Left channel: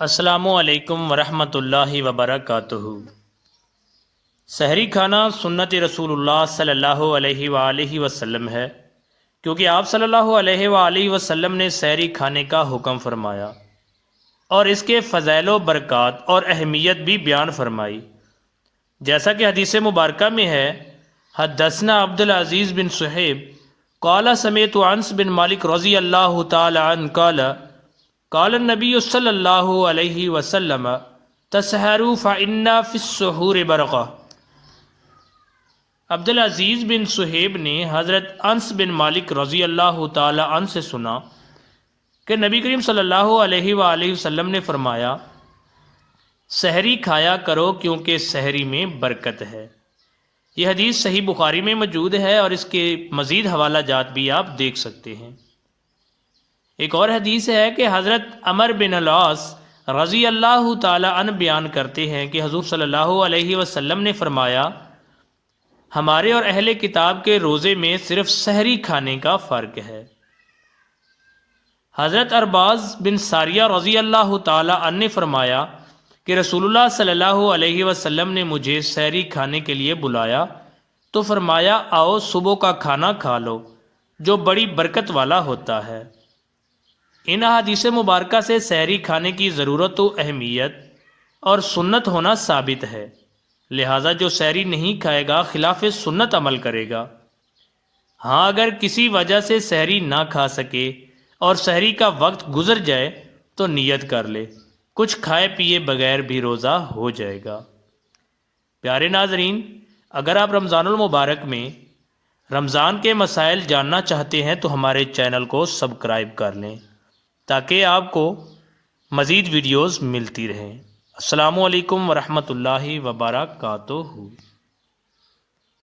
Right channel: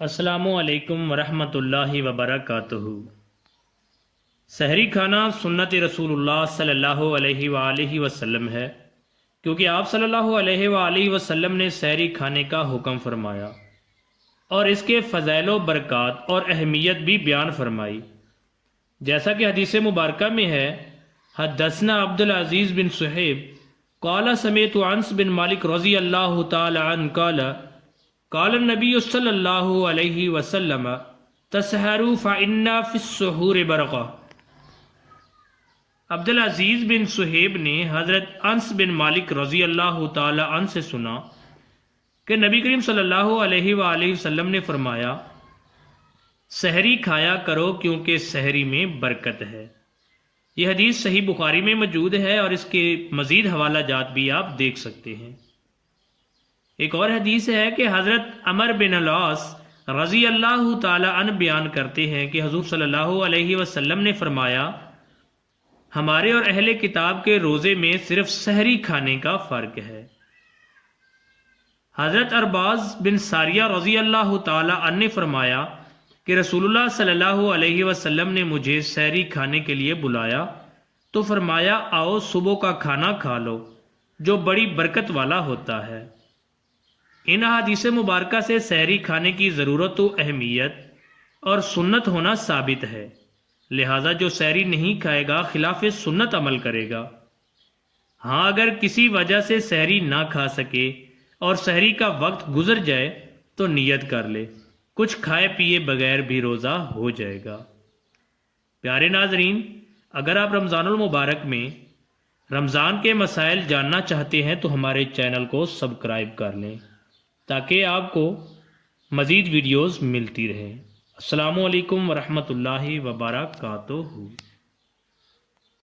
السلام علیکم ورحمۃ اللہ وبرکاتہ۔ سحری کھانا سنت رسول اللہ صلی اللہ علیہ وآلہ وسلم ہے، کیونکہ آپ صلی اللہ علیہ وآلہ وسلم نے سحری کھانے کا حکم فرمایا اور اس کے فضائل و برکات اور اہمیت بھی بیان فرمائی، جیسا کہ حدیث مبارکہ میں ہے: حدثنا عبد العزیز بن صہیب قال سمعت انس بن مالک رضی اللہ تعالی عنہ قال النبی صلی اللہ علیہ وسلم تسحروا فإن فی السحور برکہ۔ عبد العزیز بن صہیب نے حضرت انس بن مالک رضی اللہ تعالی عنہ سے سنا کہ نبی کریم صلی اللہ علیہ وآلہ وسلم نے فرمایا: سحری کھایا کرو کیونکہ سحری میں برکت ہے۔ یہ حدیث صحیح بخاری میں موجود ہے اور اس کے مزید حوالہ جات بھی آپ دیکھ سکتے ہیں۔ ایک اور حدیث ہے کہ حضرت عمر بن العاص رضی اللہ تعالی عنہ بیان کرتے ہیں کہ حضور صلی اللہ علیہ وسلم نے فرمایا: ہمارے اور اہل کتاب کے روزے میں صرف سحری کھانے کا فرق ہے۔ حضرت ارباز بن ساریہ رضی اللہ تعالی عنہ نے فرمایا کہ رسول اللہ صلی اللہ علیہ وسلم نے مجھے سحری کھانے کے لیے بلایا تو فرمایا: آؤ صبح کا کھانا کھا لو جو بڑی برکت والا ہوتا ہے۔ ان احادیث مبارکہ سے سحری کھانے کی ضرورت و اہمیت اور سنت ہونا ثابت ہے، لہٰذا جو سحری نہیں کھائے گا خلاف سنت عمل کرے گا۔ ہاں، اگر کسی وجہ سے سحری نہ کھا سکے اور سحری کا وقت گزر جائے تو نیت کر لے، کچھ کھائے پیے بغیر بھی روزہ ہو جائے گا۔ پیارے ناظرین، اگر آپ رمضان المبارک میں رمضان کے مسائل جاننا چاہتے ہیں تو ہمارے چینل کو سبسکرائب کر لیں تاکہ آپ کو مزید ویڈیوز ملتی رہیں۔ السلام علیکم ورحمۃ اللہ وبرکاتہ۔